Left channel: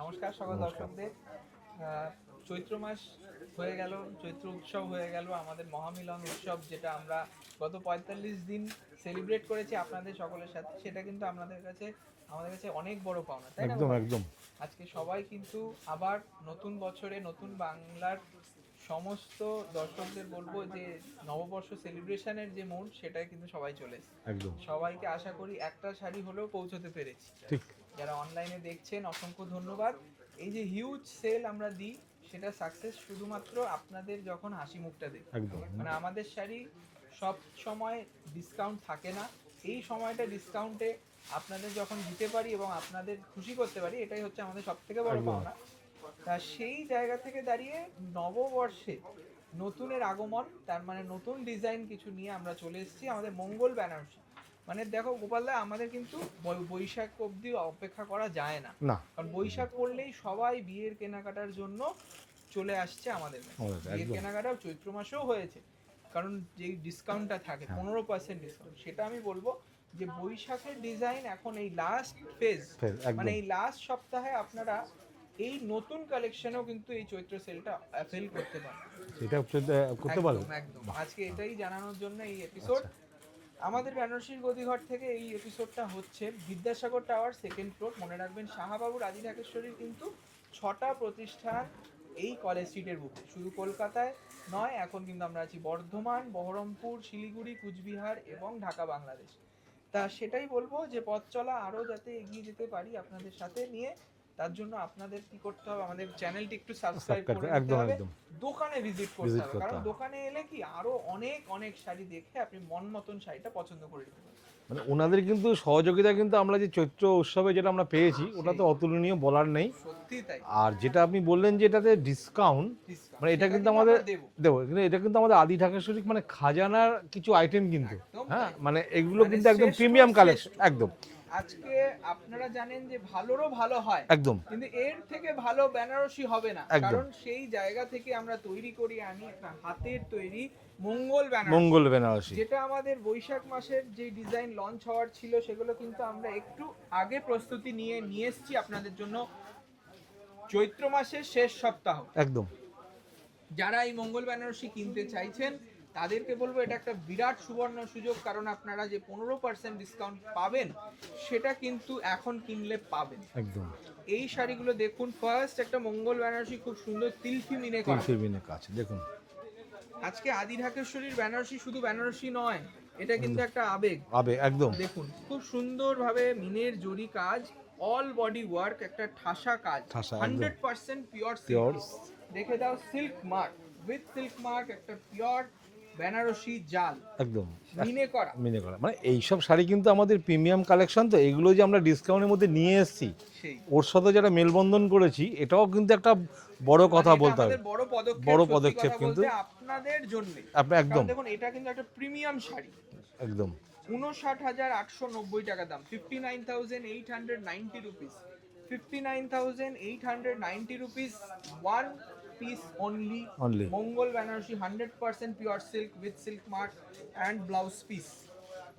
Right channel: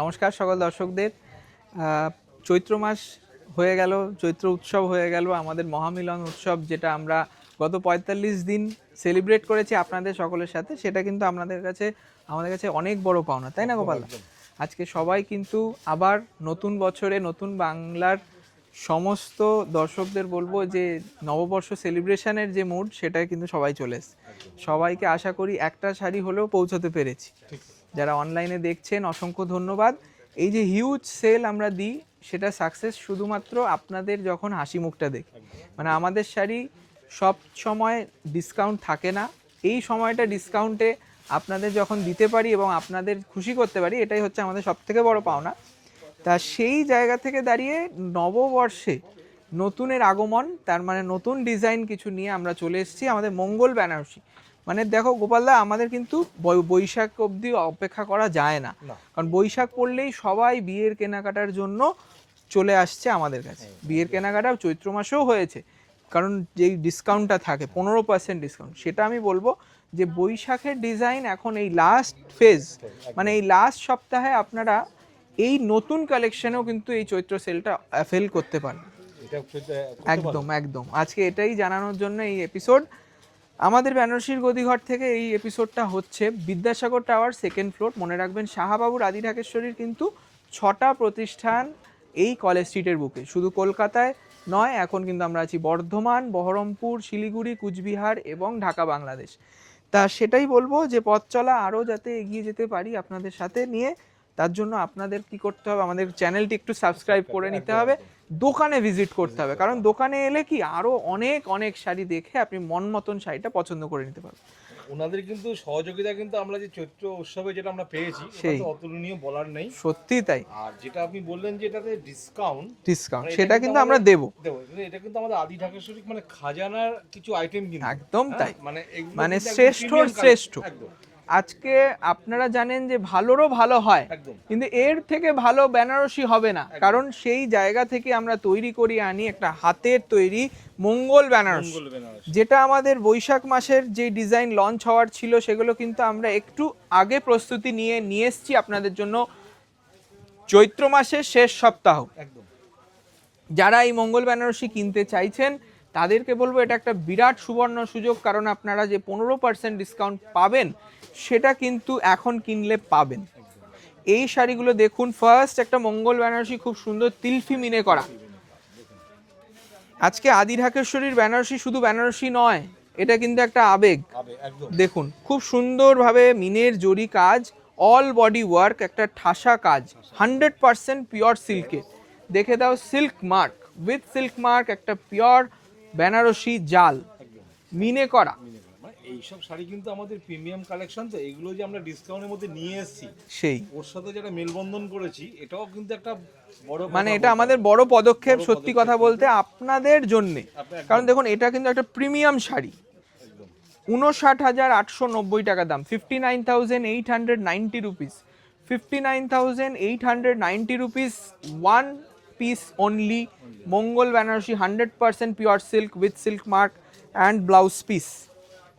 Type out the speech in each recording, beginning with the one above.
নমস্কার সকল দর্শকদের। চৈত্র মাস হয়ে গেল, চৈত্র উৎসব হয়ে গেল, আমাদের মহামিলন উৎসব যেটা আমরা গত ৪৫ দিন সেলিব্রেট করেছি আপনাদের সকলের সাথে, সেটা কিন্তু আমাদের কাছে অনেক বড় পাওনা, তাই না গোপাল? আজকে সবাই কিন্তু আবার নতুন বছরে নতুন বাংলার সমস্ত দর্শকদের বলবো যে নববর্ষ সেলিব্রেশনের যে মুড সেটাই কিন্তু সবাই চলে এসেছে। সবাইকে আশা করি একটা শাড়ি হলেও পৌঁছতে পেরেছি। যারা অনলাইনে দেখছেন অসংখ্য ধন্যবাদ। এই যে হিউজ সেল আমরা দিই সেটা সাকসেস শুধুমাত্র আপনাদের যখন হাসি মুখটা দেখ, মানে আমাদের শাড়ি সব সময় ডিসকাউন্ট থাকে না, এই সময়টা ডিসকাউন্টে আপনাদের যখন দিতে পারি এবং আপনাদের খুশি করতে পারি, এটাই হচ্ছে আমাদের সব থেকে বড় পাওনা। তা সেই জায়গা থেকে দাঁড়িয়ে নববর্ষে নতুনের আগমন, তার মানে নতুন ডিজাইন কিছু নিয়ে আমরা চলে এসেছি আমাদের মঙ্গল বেনারসি। মানে দেখো গোপালদা, আমাদের কিন্তু বৈশাখ অবধি অপেক্ষা করা যায় না, কারণ বৈশাখ পড়লেই সবাই বিয়ের কেনাকাটার জন্য চলে আসছে আমাদের কাছে। বিয়ের কেনাকাটা চৈত্র মাসেও হয়েছে, কারণ যেই ডিসকাউন্টটা থাকে 15% ডিসকাউন্ট, সেটা আমি বলবো যে বৈশাখের ডিজাইন এখন এই লাস্ট ফেজ, মানে এই লাস্ট সপ্তাহে আপনারা এই নতুন কালেকশনেও কিন্তু এই চৈত্র সেলটা ফেল করতে পারেন। একদম একদম আজকে এটাই জানানোর জন্য এই এপিসোড। আমাদের বেনারসির গদিঘর থেকে এই এপিসোডটা হচ্ছে বিদ্যাসাগর টাওয়ার, সেকেন্ড ফ্লোর। মনে রাখবেন শাহবাবুর আদি ঢাকেশ্বরীর কিন্তু 6টা প্রতিষ্ঠান এই কলেজ স্ট্রিটের বুকে। শুধু কলকাতায় নয়, এখন কিন্তু আমরা আছি বর্ধমান, বহরমপুর, শিলিগুড়ি, কুচবিহার এবং ঢাকা, বাংলাদেশ। তা সেটাই বলবো যে পথ চলা আরও যাতে এগিয়ে যেতে পারি আপনাদের সাথে নিয়ে, তার জন্য আপনাদের কি করতে হবে, আমাদের চ্যানেলটি একটু সাবস্ক্রাইব করে নিতে হবে, দোকানে ভিজিট করতে হবে, কারণ দোকানে এলে কি আরো অনেক অনেক শাড়ি দেখে আপনি মন মতন শাড়িটা পছন্দ করে নিতে পারবেন। মানে ওনাদের কিন্তু সহযোগিতা কিন্তু আমরা যে চৈত্র উৎসবে যেটা আমরা পেয়েছি ওটা তো অতুলনীয়, বলার নেই, সত্যি তাই। আর যেটা আপনি বললেন যে এটাতে ডিসকাউন্ট সেটা কিন্তু আমরা দেবো, কিন্তু এটা কিন্তু আমাদের আদি ঢাকেশ্বরী মানে খাজানার কিছু আইটেম কিন্তু একদম তাই, মানে এগুলো মানে শ্রেষ্ঠ। একদম আজকে আপনারা জানেন যে ভালোরও ভালো হয় একদম, কিন্তু এর থেকে ভালো বেনারসি হবে না, কারণ সেই জায়গা থেকে আমরা তৈরি করি আনি একটা হাতের তৈরি মঙ্গল বেনারসি, যেটা আমাদের বৈশাখ মাসের যে ডিজাইন লঞ্চ হওয়ার ছিল সেগুলো কিন্তু আমরা একটু আগে প্রস্তুতি নিয়ে এসেছি আপনাদের জন্য চৈত্র মাসের শেষ সপ্তাহ। একদম, যারা এই মঙ্গল বেনারসি কিনতে চাইছেন তাদেরকে বলবো এটা একটা বিরাট সুবর্ণ সুযোগ, কারণ আপনারা যে 15% ডিসকাউন্ট পাবেন সেটা কিন্তু এখন কিনলে পাবেন। একদম। এই শাড়িগুলো দেখুন, ফার্স্ট একটা মঙ্গল বেনারসি, খুব সুন্দর তিলফি মিনে করা। দেখুন আজকে আদি ঢাকেশ্বরীর বেনারসি শুধু বেনারসি নয়, এটা কিন্তু একটা আবেগ। একদম দেখুন খুব সুন্দরভাবে মিনের জরি কাজ, অল বডি ওয়ার্ক, একটা ঠাসা কাজ, 100% পিওর সিল্কে। দেখে দাও silk mark, with silk mark, একটা পিওর বেনারসি জাল, একদম মিনে করা। মানে এইসব শাড়ি কিন্তু আমাদের প্রিমিয়াম কালেকশন, তো এইগুলো যে আমরা ডিসকাউন্টের মধ্যে নিয়ে এসেছি, সেই ওর সাথে যারা মেলবন্ধন করেছি, এটাও কিন্তু একটা বড় কথা, মানে এটা আমাদের বড় পদক্ষেপ সত্যি কথা বলতে আপনাদের জন্য, কারণ দেখুন এটা কিন্তু একটা প্রিমিয়াম শাড়ি। একদম 59,890 টাকা দাম, 59,890 rupees, 59,890 rupees, one piece only Mangal Benarasi, 100% pure silk with silk mark and blouse piece.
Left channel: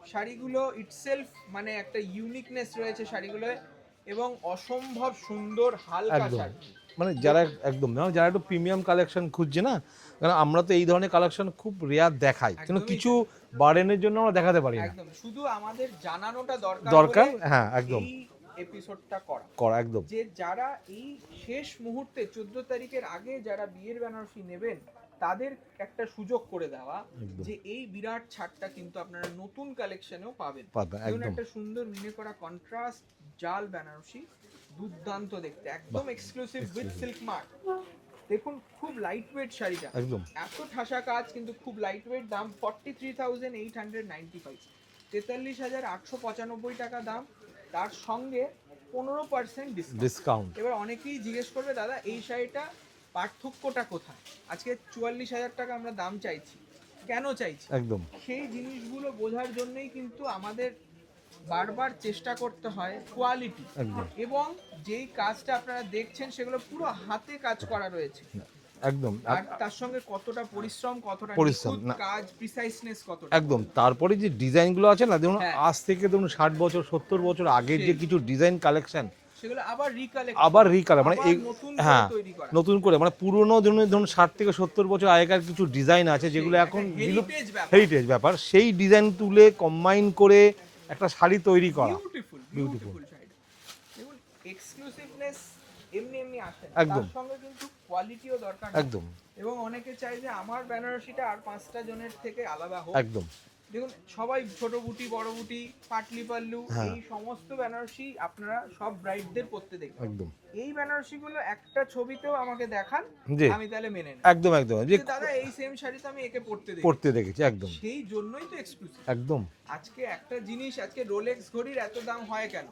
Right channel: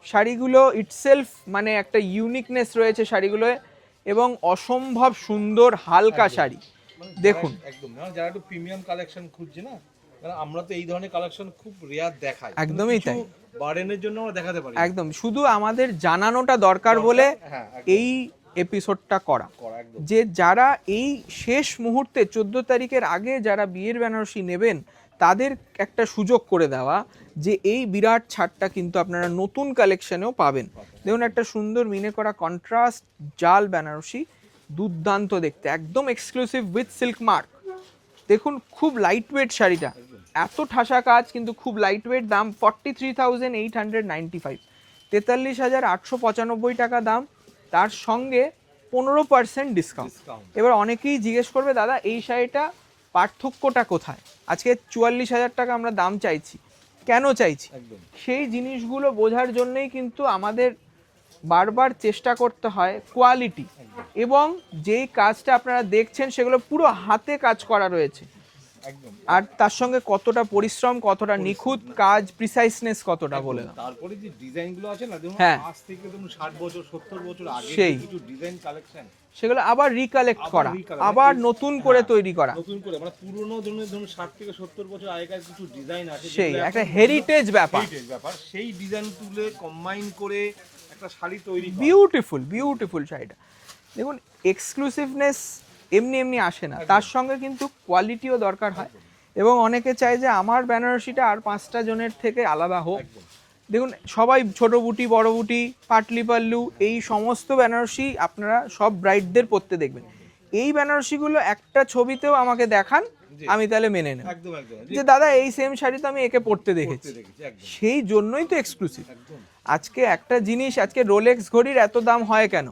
শাড়িগুলো ইটসেলফ মানে একটা ইউনিকনেস রয়েছে শাড়িগুলোয়, এবং অসম্ভব সুন্দর হালকা শাড়ি। মানে দেখুন একদম যারা একটু প্রিমিয়াম কালেকশন খুঁজছে না, কারণ আমরা তো এই ধরনের কালেকশন খুব রেয়ার দেখাই, একদমই কিছু বারেনের জন্য আমরা দেখাতে পারি একদম, শুধু আমাদের জানানোটা দরকার বলে এই এপিসোডটা করা একদম, যে যারা এই শেষ মুহূর্তে 14 তারিখের আগে যারা বিয়ের বেনারসি নেবেন তাদের একটা সুযোগ করে দেওয়া যে এই বিরাট ছাড়টা কিন্তু আপনারা নতুন কালেকশনেও পাবেন। দেখুন একটা সুন্দর মিনে করা কন্ট্রাস্ট জাল বেনারসি, দুর্দান্ত দেখতে, একদম এক্সক্লুসিভ উইথ সিল্ক মার্ক। দেখুন খুব লাইট ওয়েট শাড়িটা, এত ঠাসা কাজ কিন্তু খুব লাইট ওয়েট। দাম 43,895, 43,895 টাকা দাম, তার সঙ্গে 15% ডিসকাউন্ট। এবার অনেকেই জিজ্ঞেস করবে দাদা এই শাড়িটা পার্থক্যটা কোথায়, আজকে 44,000 টাকা আমরা দাম চাইছি, কেন চাইছি, একদম সেই জিনিসগুলো বোঝার জন্যই কিন্তু আমাদের বারবার চেষ্টা করতে হয় কোয়ালিটি, এবং যেই কাজটা আপনারা দেখছেন সেগুলো পুরো হাতে কাজ করা রয়েছে, একদম, আর তার সঙ্গে কতটা পরিশ্রম, কতটা নিখুঁত কাজ, প্রিসাইসনেস কতটা। তারপরে যে ডিজাইনগুলো আছে না, দেখুন আজ থেকে ধরুন 60 বছর 70 বছর আগে যে কিছু ডিজাইন কালেকশন সেগুলো আবার রিকালেক্ট আবার recolour, মানে আবার এই- নতুন করে হ্যাঁ, তৈরি করা, নতুন করে, মানে পুরোনো ধরুন 60 থেকে 70 বছর আগেকার কিছু ডিজাইন আছে সেই যেগুলো একটা হেরিটেজ ব্যাপার, হেরিটেজ ব্যাপার, সেই ডিজাইন তুলে কম্বাইন করে একটা শাড়ি তৈরি করা। বিউটিফুল শাড়িটা। দেখুন এক্সক্লুসিভনেস এমনি এমনি আসে না, তার সঙ্গে কিন্তু কোয়ালিটিও দরকার হয়। একদম এবং অনেকে চায় যে আমার বেনারসিটা আর 5টা জনের থেকে আলাদা হোক। একদম দেখুন সবাই ছোট বুটি বড় বুটি পাটলি পাল্লু এই সমস্ত বেনারসি আপনারা সব ব্রাইডদের পরতে দেখবেন। একদম এই বেনারসিগুলো একটা ছবিতেও আমাকে দেখান, জি। আমি তাহলে মেনে নেব একদম যে দাদা এই সেম শাড়ি তো আমি একে পরতে পড়তে দেখেছি। দেখেছি একদম সেই জন্যই তো এক্সক্লুসিভ। একদম আজকে একটা জিনিস, আজকে রোলেক্স ঘড়ির এত দাম হয় কেন?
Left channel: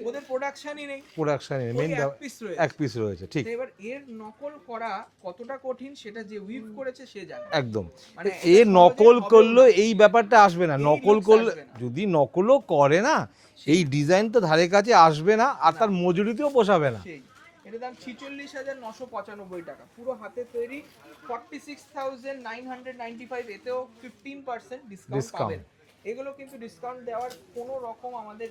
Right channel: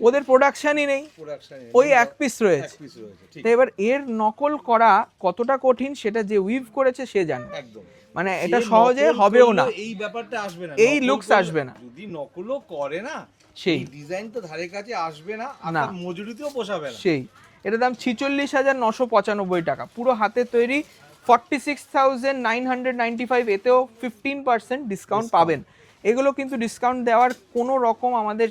ওদের প্রোডাকশনই নেই, প্রোডাকশন ওই এক পিস এক রয়েছে। পিস রয়েছে, ঠিক। তো এবার এর নকল করা কতটা কঠিন সেটা যে উইভ করেছে সে জানে। একদম, মানে এটা এর সহজে নকল হবেও না, করলে এই ব্যাপারটা আসবে না, এই নকল looks করলে- আসবে না। যদি নকলও করে না, সেই। এই ডিজাইন তো ধারে কাছে আসবে না, আর না। তার মজুরিতেও পোষাবে না। সেই এটার দাম 46,995 টাকা, পুরো হাতে তৈরি 46,995, এতেও 15% ডিসকাউন্ট পাবেন। এগুলো কিন্তু ডিসকাউন্ট দেওয়ার কোনো রকম আমাদের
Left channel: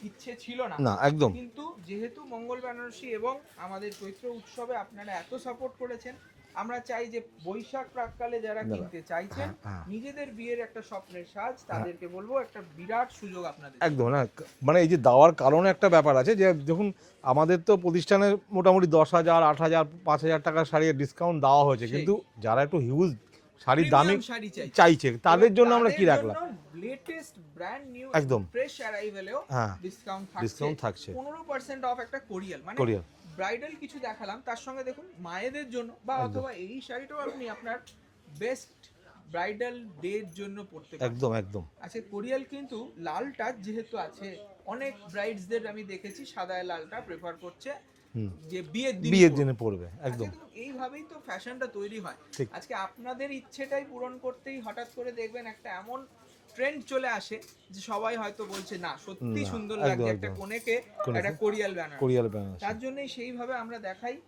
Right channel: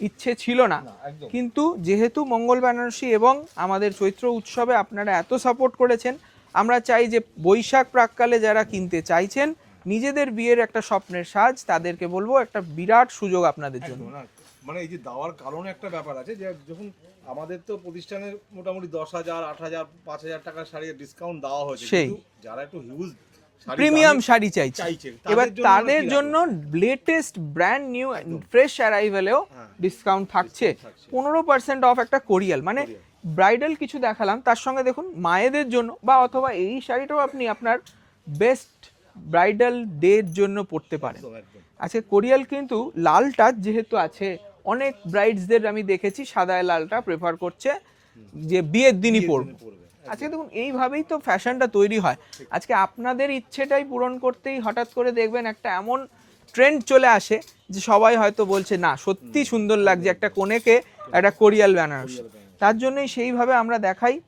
ইচ্ছে ছিল না, না একদম কিন্তু যেহেতু মঙ্গল বেনারসি এবং আমাদের চৈত্র উৎসবে আপনারা এত সাপোর্ট করেছেন, আমরা চাই যে বৈশাখ প্রাককালে যারা কিনতে চাইছেন নিজেদের বিয়ের একটা স্বপ্নের সাজ, তাদেরকে বলবো একটা বিরাট সুযোগ আপনাদের জন্য। একদম না, মানে এই যে দেওয়ার কারণে একটা ব্যাপার আছে যে যখন আমাদের তো প্রতিষ্ঠানে মোটামুটি 10,000, 8,000, 5,000 টাকার শাড়ি ডিসকাউন্ট দেওয়া হয়েছে, সেই। কিন্তু যারা একটু হিউজ শাড়ি প্রিমিয়াম শাড়ি চাইছে, চাইছে এবার তাদের জন্য আমরা তাদের কি রাখলাম? জন্য লেটেস্ট ব্র্যান্ড নিউ একদম। ফ্রেশ অ্যারাইভেলেও হ্যাঁ, ডিসকাউন্ট থাকছে, discount থাকছে। 15% অফ একটা কোরিয়াল, মানে কোরিয়াল। ব্রাইডাল কিছু দেখালাম, তার সঙ্গে দেখুন মায়েদের জন্য বা অথবা এই শাড়িটাও আপনি আপনার বেস্ট ব্রাইডাল ডে এর জন্য পরতে পারেন। একদম একদম আচ্ছা কোরিয়াল কিন্তু লাল টাচ যেহেতু আছে, অনেক ব্রাইডসদের আমি দেখেছি সাদায় লালটা প্রেফার করছে যে বিয়ের দিনই বিয়ের পরবে। দিনে পড়বে আজকে একদম দেখুন এইভাবেই তো ফ্যাশনটা তৈরি হয়। ঠিক। আজকে আপনাদের ইচ্ছেটাই পূরণ করতেই হঠাৎ করে দেখবেন একটা এমন ট্রেন্ড চলে আসে যে সবাই হয়তো বলছে না সত্যি সুন্দর লাগছে একদম, একটা একদম। কোণেকে একটা কোরিয়াল ব্যানার, কোরিয়াল বেনারসি। তার জন্যই সেইভাবে আমরা দেখাই।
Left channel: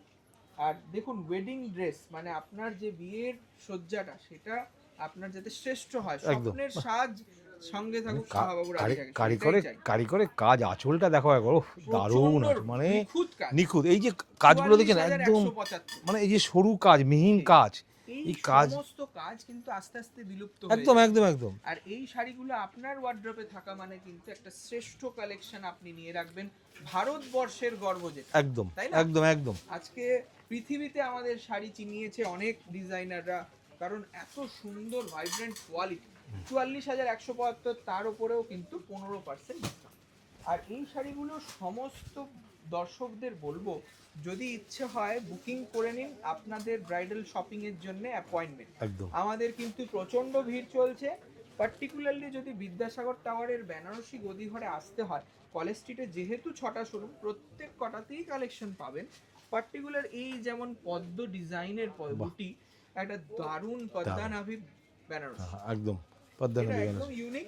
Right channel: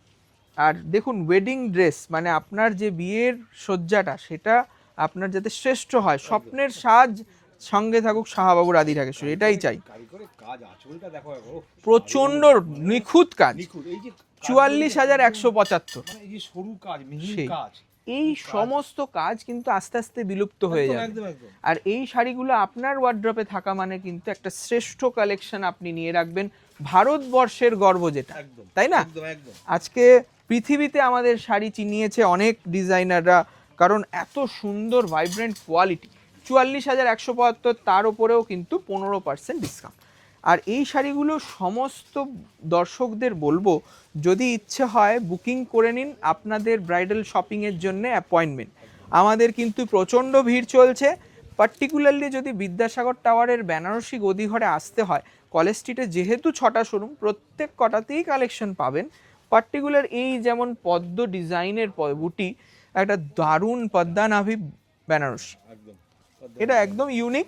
আর দেখুন ওয়েডিং ড্রেস মানে আপনার যে বিয়ের সজ্জাটা সেটা আপনার যাতে শ্রেষ্ঠ হয়, স্বপ্নের সাজ সঙ্গে থাকুক শাহবাবু রাধিকাকে, এটাই চাই। কারিগরের কাজ আঁচলটা দেখো একবার, উফ, প্রচন্ড দারুণ, মানে নিখুঁত কাজ, নিখুঁত। এই যে কাজগুলো দেখেন, 44,175, মানে এই যে সরু কাজ, মিহিন সেই। কাজ, এই কাজ- সমস্ত কাজ কিন্তু আস্তে আস্তে বিলুপ্ত হয়ে একদম যাবে। একদম একদম আর এই শাড়িগুলো আপনার ওয়ার্ড্রপে থাকা মানে কিন্তু একটা শ্রেষ্ঠ কালেকশন আপনি নিয়ে রাখবেন, ভারতবর্ষের গর্ব যেটা, একদম তাই না? একদম একদম আজকে পৃথিবীতে আমাদের শাড়ি চিনিয়েছে অনেক ডিজাইনাররা, কারণ এত সুন্দর ভাইব্রেন্ট কোয়ালিটি। 44,175, তার উপরেও কিন্তু 15% ডিসকাউন্ট। আর এই শাড়িগুলো সমস্ত দর্শকদের বলবো যদি ইচ্ছে হয় বুকিং করে নিন আপনাদের ব্রাইডাল শপিংয়ের জন্য অ্যাপয়েন্টমেন্ট। একদম আমাদের কিন্তু প্রচণ্ড ভিড় চলছে, পার্টিকুলারলি যদি বিদ্যাসাগর টাওয়ারের বেনারসি গদিঘরে আসতে হয়, কলেজ স্ট্রিটে যেহেতু 6টা শোরুম, প্রত্যেক কটাতেই কালেকশন পাবেন। পার্টিকুলার এই যেমন পদ্ম ডিজাইনের বুটি, একটা দারুণ পদ্মানাভি বেনারসি, একদম এটা একদম ইউনিক।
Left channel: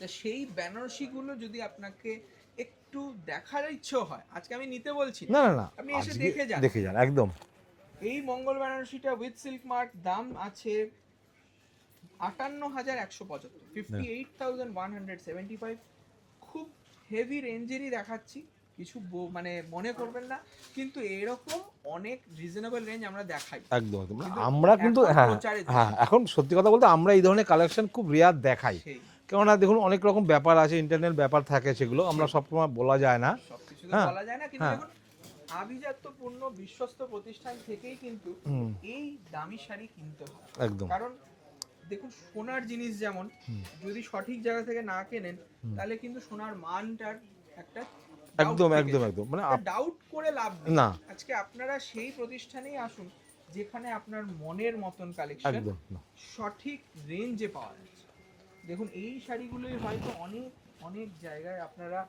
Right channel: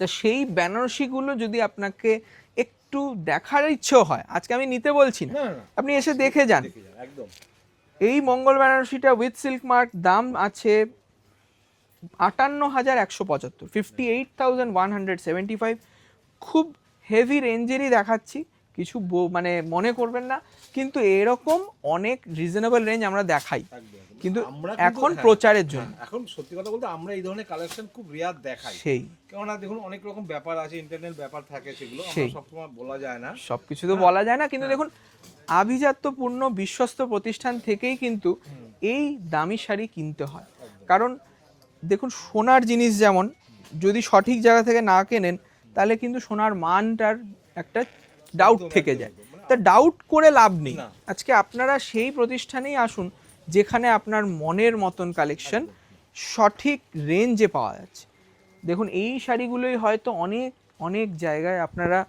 তা সেই বেনারসিগুলো যদি আপনাকে একটু দেখার ইচ্ছে হয়, আজকে আমি নিতে বলছি না, না না না, আপনি এসে আজকে দেখে যান। দেখে যান একদম। এই মঙ্গল বেনারসিটা উইথ সিল্ক মার্ক দাম আছে 58,175, 58,175। খুব হেভি রেঞ্জেরই দেখাচ্ছি, কিছু মানে মনে করবেন না, কিন্তু এরকম অনেক রিজনেবল রেঞ্জ আমরা দেখাই, একদম একদম। কিন্তু আমরা কিন্তু এখন প্রচারের জন্য। এখন সত্যি কথা বলতে আমরা এই ধরনের কালেকশন খুব রেয়ার দেখাই, সেই কেননা দেখুন অনেক রকম ব্যাপার আছে, ইন্টারনাল ব্যাপার থাকে, সেগুলো আমরা সেই। সবসময় বলা যায় না। সবকিছু তো হ্যাঁ, বলা যায় না, কিন্তু হ্যাঁ। দেখুন আভিজাত্যপূর্ণ বিশ্বস্ত প্রতিষ্ঠান থেকেই কিন্তু এই দামি শাড়ি কিনতে হয়। একদম কারণ দেখুন সোনার জিনিস যেমন যদি সঠিক জায়গা থেকে না কেনেন, তাহলে কিন্তু সোনার মানটার একটা ডাউট একদম, থেকে একদম, যায়। একদম। মানে তা ডাউট করে লাভ নেই। না। আজকে আপনারা সেই প্রতিষ্ঠানেই আসুন যেখানে আপনার মনের মতন কালেকশন একদম। সঠিক রেঞ্জে পাওয়া যাচ্ছে। দেখুন এই শাড়িগুলোই হয়তো অনেক অনেক জায়গায় আপনারা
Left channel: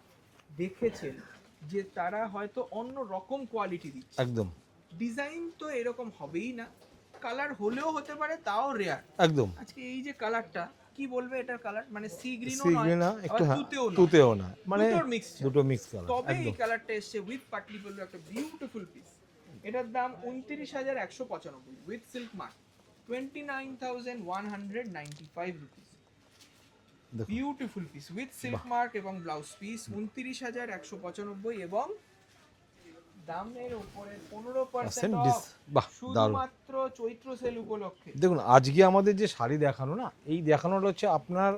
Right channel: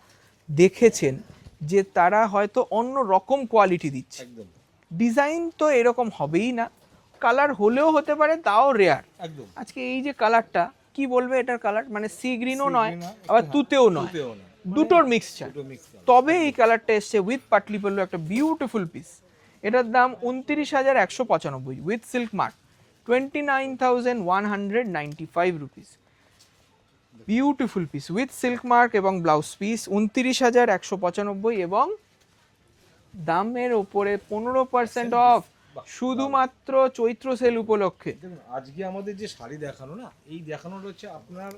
দেখেছেন যে তারা হয়তো অন্য রকম কোয়ালিটি দিচ্ছে, একদম ডিজাইন তো এরকম হবেই না, কালার হলেও হতে পারে তাও রেয়ার। একদম আজকে এই যে কালারটা কি বলবে, এটার কালার মানে সি গ্রিনও নয় সিগ্রি না, একটু আবার হ্যাঁ, তুতেও নয়, তুতেও না, মানে দুটোর মিক্সচার। দুটো মিক্স। তবে এই কালারটা এসছে উইথ পাটলি পল্লু, একটা বিউটিফুল পিস। এটার দাম 29,195 with silk mark, 29,195 rupees. Beautiful piece with silk mark এবং ব্লাউজ পিস 29,195 এবং দামের উপরে 15% অফ বাহ, শুধুমাত্র চৈত্র সেল উপলক্ষে। দেখুন আজকে আমাদের যে শাড়ি দেখানো না, এই দেখানোটা হচ্ছে আপনার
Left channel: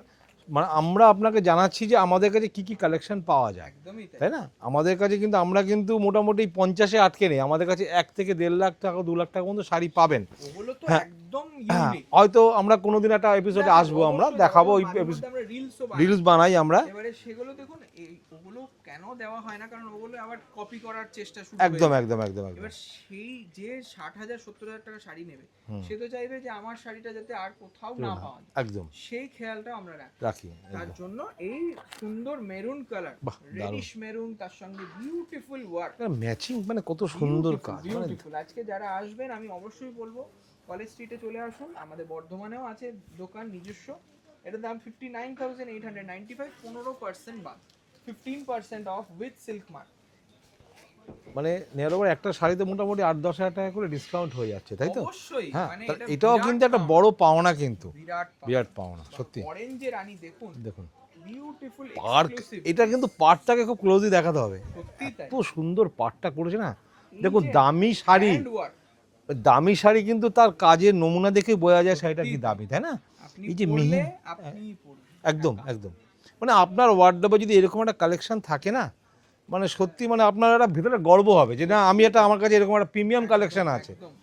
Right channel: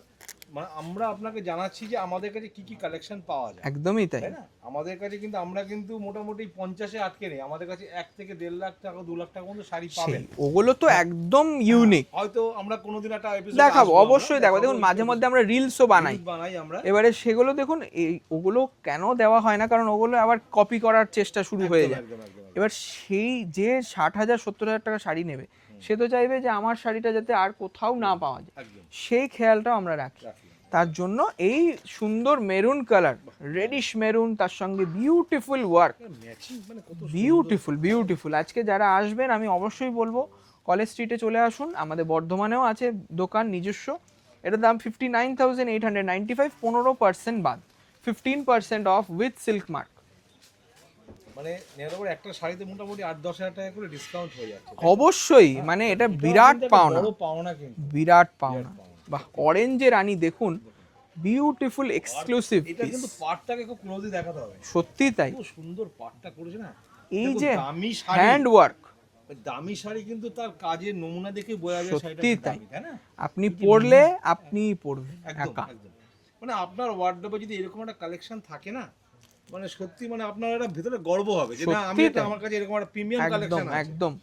মানে আমরা আপনাকে জানাচ্ছি যে আমাদের কাছে কি কি কালেকশন পাওয়া যায়, একদমই তাই। তাই না? আমাদের কাছে কিন্তু আমরা কিন্তু মোটামুটি 50-এ আটকে নেই, আমাদের কাছে 1 থেকে 1.5 লাখ টাকা 2 লাখ টাকা পর্যন্ত শাড়ি পাবেন। ওগুলো তো একদম ইউনিক। হয়তো আমরা কোনোদিন একটা এপিসোডে দেখাবো, আসবো, অবশ্যই দেখাবো। মাঝে মধ্যে আমরা রিলসও বানাই, রিলস বানাই আমরা। এবারে সেগুলো দেখুন, এই ওগুলো কেন দেওয়া হয় না, কারণ ওগুলো আবার কপি করার চেষ্টা শুরু হয়ে একদম যায়। একদম একদম। এবার সেই যে 60,000 70,000 টাকা শাড়ি নেবে, সে তো চাইবে যে আমার শাড়িটা যাতে আর কোথাও না পাওয়া যায়, একদম সেই খেয়ালটাও আমরা রাখি। তার জন্য এই সুন্দর মেরুন কালার, রেডিশ মেরুন, তার সঙ্গে বিউটিফুল ওয়ার্ক, ম্যাচিং, মানে কত বিউটিফুল বিউটিফুল। আজকে যারা আসবেন আমি অবশ্যই বলবো কলেজ স্ট্রিটে চলে আসুন, আমাদের বর্ধমানেও আছে দোকান নিজস্ব। এটার দাম 59,895, 15% বাদ, 15% অফ উইথ সিল্ক মার্ক। মানে নেয়ার একটা শাড়িতে মোটামুটি 8-10 হাজার টাকা করে ডিসকাউন্ট হয়ে যাচ্ছে, তাই তো? অবশ্যই, মানে এটা বিরাট পাওনা, বড় পাওনা, কিন্তু বিরাট বিরাট পাওনা। পাওনা সত্যি। অরেঞ্জের রানী দেখুন, দেখুন বিউটিফুল এক্সক্লুসিভ। এটা কিন্তু পাটটাকে খুব ক্লোজলি দেখাতে হবে, সত্যি তাই। খুব সুন্দর পাটটা করেছে না। এই দেখো যে দামি শাড়ি, হ্যান্ড ওয়ার্ক, দামি শাড়ি কিন্তু তার কাজের নমুনা দেখে বোঝা যায় শাড়িটা সত্যি কি দামি, তাই না? আপনি এই যে পরলে আপনিই পরবেন একদম একা। একদম। মানে আপনার ওয়ার্ডরোবে যদি এরকম একটা কালেকশন থাকে না, মানে সত্যি মানে আপনার একটা ভিতরে গর্ব হবে যে না, আমি এটা, আমার কাছে এরকম একটা প্রিমিয়াম কালেকশন আছে। একদম।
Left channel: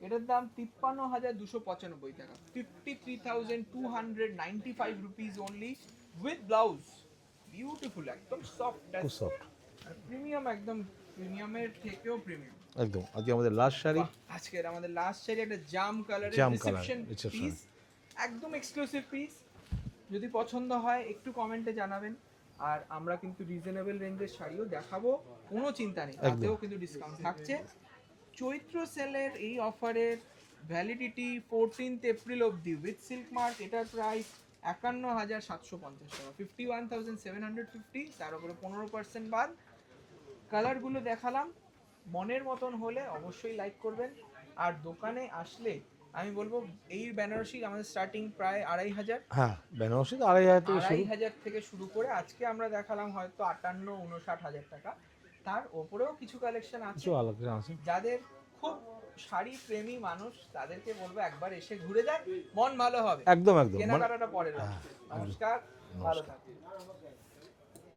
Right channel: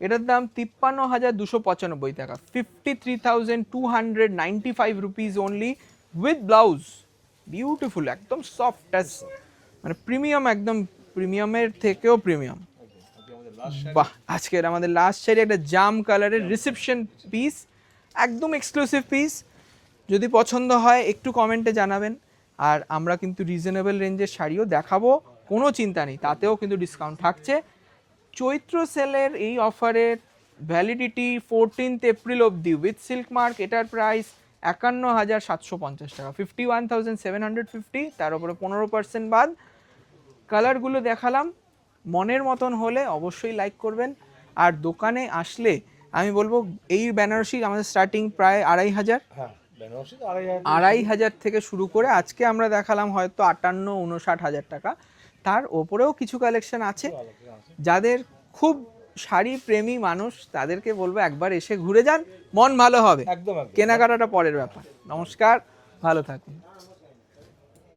এটার দাম 53,295 টাকা, 53,295 rupees only with blouse. Beautiful, একদম সফট টাচ, মানে প্রিমিয়াম, একদম প্রিমিয়ামের থেকেও প্রিমিয়াম। একদম। আজকে আমাদের লাস্ট শাড়ি, বাহ, আজকের আমাদের লাস্ট শাড়ি একটা জাম কালারের জাম রিসেপশন কালার, পিস, একদম এক্সক্লুসিভ পিস। যদি পছন্দ হয় একটু কমেন্টে জানাবেন। আর আমরা কিন্তু রিজনেবল রেঞ্জের শাড়িও দেখাবো, কোনো চিন্তা নেই, তাতেও কিন্তু ডিসকাউন্ট থাকছে। চৈত্র সেলের এই অফারের ভ্যালিডিটি 14th এপ্রিল অবধি উইথ সিল্ক মার্ক। এটার প্রাইস 51,750 টাকা, 51,750, তার উপরে 15% বাদ। কালারগুলো দেখালাম, মনের মতন হলে অবশ্যই লাইক করবেন। আর দোকানে আসলে আমি বলবো এই বেনারসি আমাদের স্টার্টিং প্রায় 2,500, হ্যাঁ বেনারসি তো 2,500, 2,500 থেকে শুরু করে আজকে আমরা দেখালাম হয়তো 58-59 হাজার টাকা। তার ওপরেও কিছু কালেকশন আছে। যাদের খুব শাড়ি প্রেমী মানুষ তাদেরকে বলবো একবার এসে ঘুরে যান, মন ভালো হবে। একদম একদম। কেনাকাটাটা পরের ব্যাপার। নমস্কার, ভালো থাকুন।